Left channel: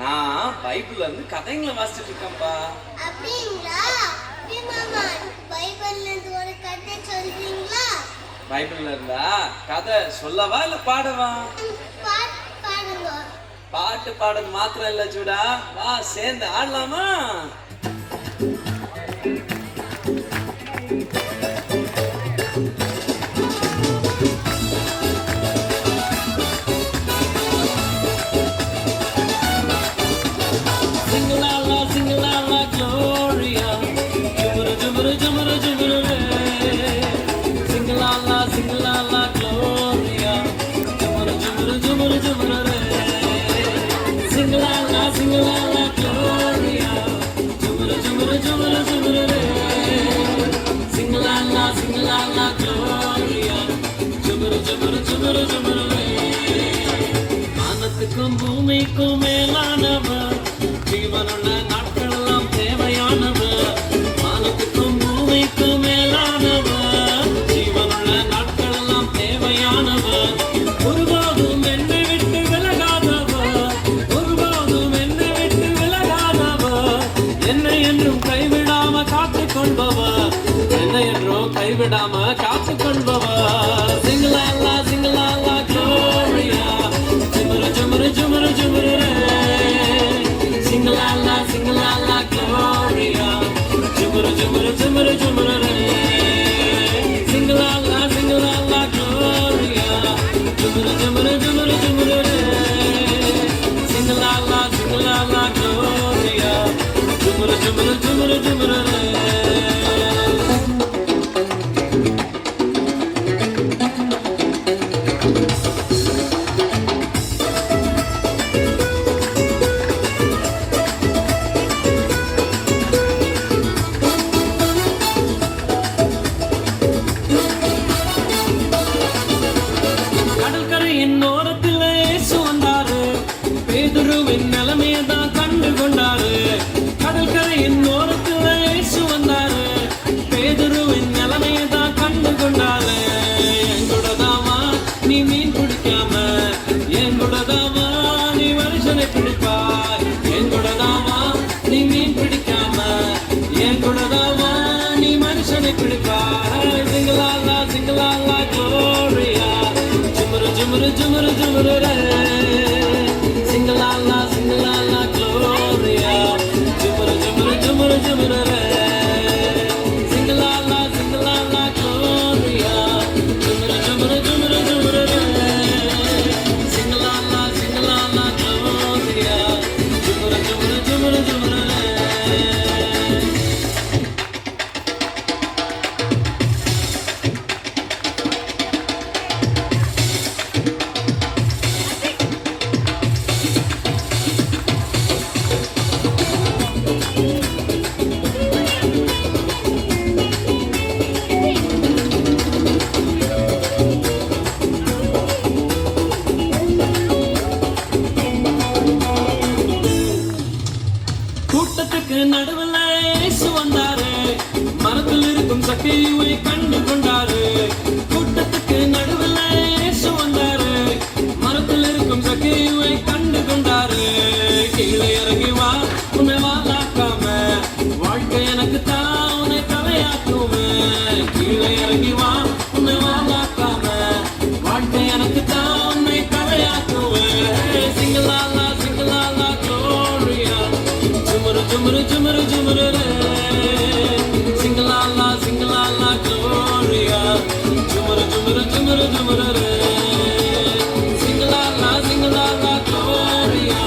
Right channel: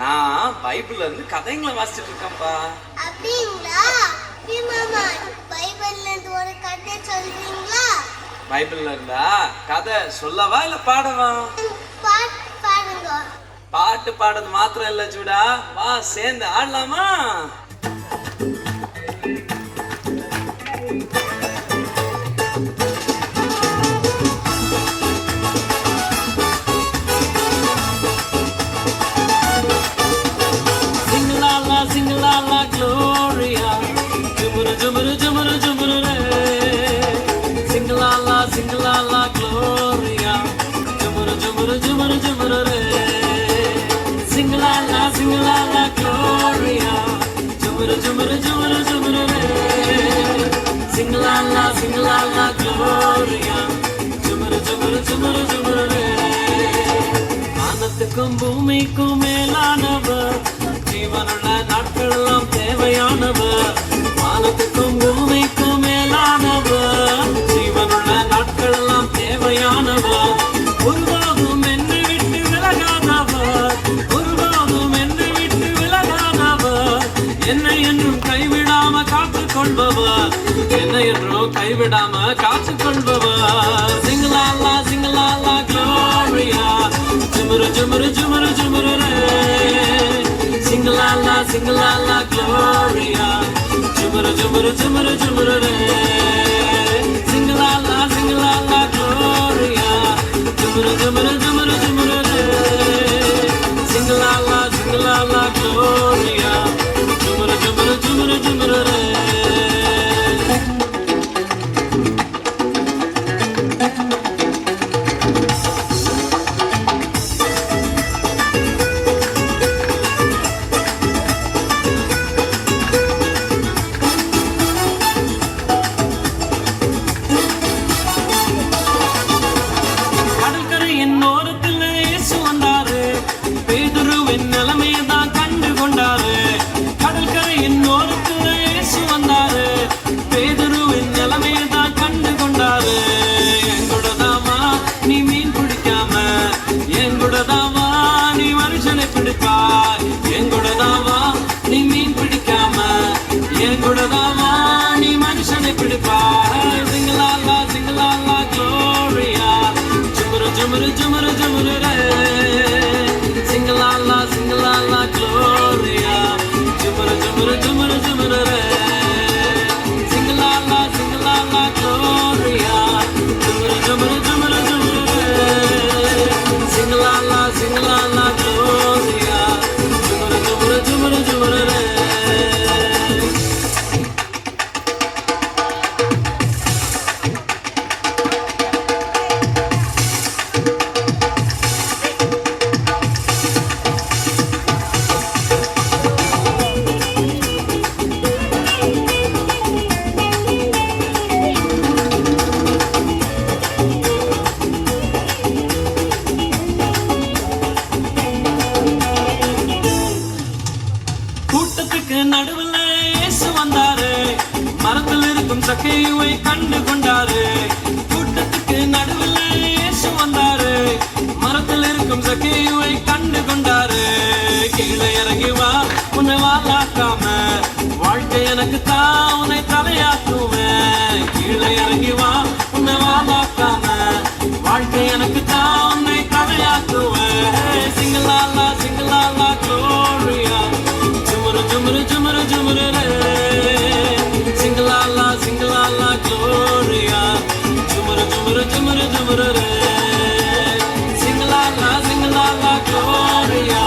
நான் பைபிள்ல இருந்து கதைங்களை வாசிச்சுட்டு இருக்கேன்ப்பா. அப்படிங்களா? மாமா, பைபிள்ல இருந்து ஒரு கதை சொல்றீங்களா? பைபிள்ல இருந்தா கதை சொல்லவா இல்ல பாடவா? பாடுங்க. பாட்டு பாடுறது மாத்திரம் இல்ல ஜூடா, வா சேர்ந்து ஆடலாமா? வானத்துக்கும் பூமிக்கும் மேலானவர், ஜீவனுள்ள நாட்களெல்லாம் தேவையானவர். வானத்துக்கும் பூமிக்கும் மேலானவர், ஜீவனுள்ள நாட்களெல்லாம் தேவையானவர். ஒருபோதும் என்னை விட்டு விலகாதவர், ஒருபோதும் என்னை விட்டு விலகாதவர். என்னை என்றும் கைவிடாம காத்துக் கொள்பவர், என்னை என்றும் கைவிடாம காத்துக் கொள்பவர். சிங்கலாலா சிங்கலாலா க்ளோரியா, ஜுமுரு ஜுமுரு ஜுமுரு ஜுமுரு சிங்கலாலா சிங்கலாலா க்ளோரியா, ஜுமுரு ஜுமுரு ஜுமுரு ஜுமுரு சிங்கலாலா சிங்கலாலா க்ளோரியா, ஜுமுரு ஜுமுரு ஜுமுரு ஜுமுரு சிங்கலாலா சிங்கலாலா க்ளோரியா, ஜுமுரு ஜுமுரு ஜுமுரு ஜுமுரு. நடுவில் இயேசு வந்தாரு, மரத்தில் இருக்கும் சக்கையை கண்டு கொண்டாரு. கூட்டத்துக்கு நடுவில் இயேசு வந்தாரு, மரத்தில் இருக்கும் சக்கையை கண்டு கொண்டாரு. கீழே இறங்கி வா, உன்னை வாழாக்காம, வாழ்க்கை எனக்கு தான் உன்னை தலையாக்குவேன். கீழே இறங்கி வா, உன்னை வாழாக்காம, வாழ்க்கை எனக்கு தான் உன்னை தலையாக்குவேன். சிங்கலாலா சிங்கலாலா க்ளோரியா, ஜுமுரு ஜுமுரு ஜுமுரு ஜுமுரு சிங்கலாலா சிங்கலாலா க்ளோரியா, ஜுமுரு ஜுமுரு ஜுமுரு ஜுமுரு சிங்கலாலா சிங்கலாலா க்ளோரியா,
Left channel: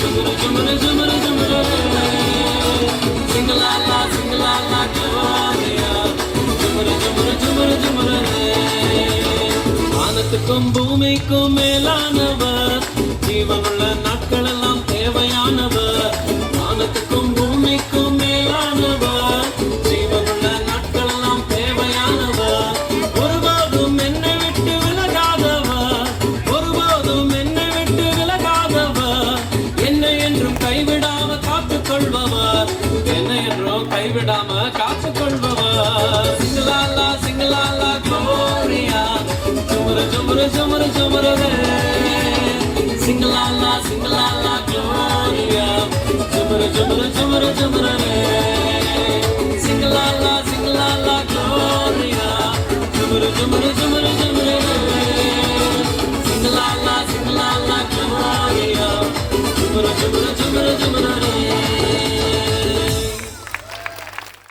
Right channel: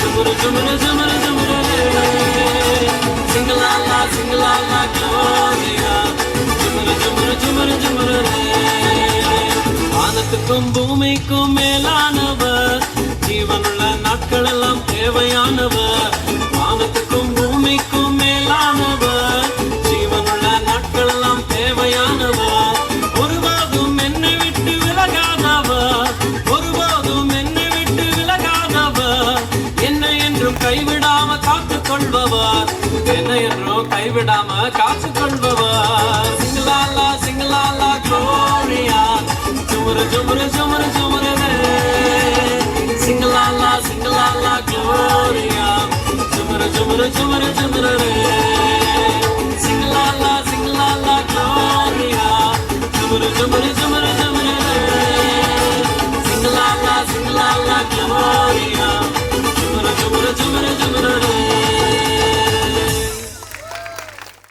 ஜுமுரு ஜுமுரு ஜுமுரு ஜுமுரு சிங்கலாலா சிங்கலாலா க்ளோரியா, ஜுமுரு ஜுமுரு ஜுமுரு ஜுமுரு. வானத்துக்கும் பூமிக்கும் மேலானவர், ஜீவனுள்ள நாட்கள் எல்லாம் தேவையானவர். வானத்துக்கும் பூமிக்கும் மேலானவர், ஜீவனுள்ள நாட்கள் எல்லாம் தேவையானவர். ஒருபோதும் என்னை விட்டு விலகாதவர், ஒருபோதும் என்னை விட்டு விலகாதவர். என்னை என்றும் கைவிடாம காத்துக் கொள்பவர், என்னை என்றும் கைவிடாம காத்துக் கொள்பவர். சிங்கலாலா சிங்கலாலா க்ளோரியா, ஜுமுரு ஜுமுரு ஜுமுரு ஜுமுரு சிங்கலாலா சிங்கலாலா க்ளோரியா. ஜுமுரு ஜுமுரு ஜுமுரு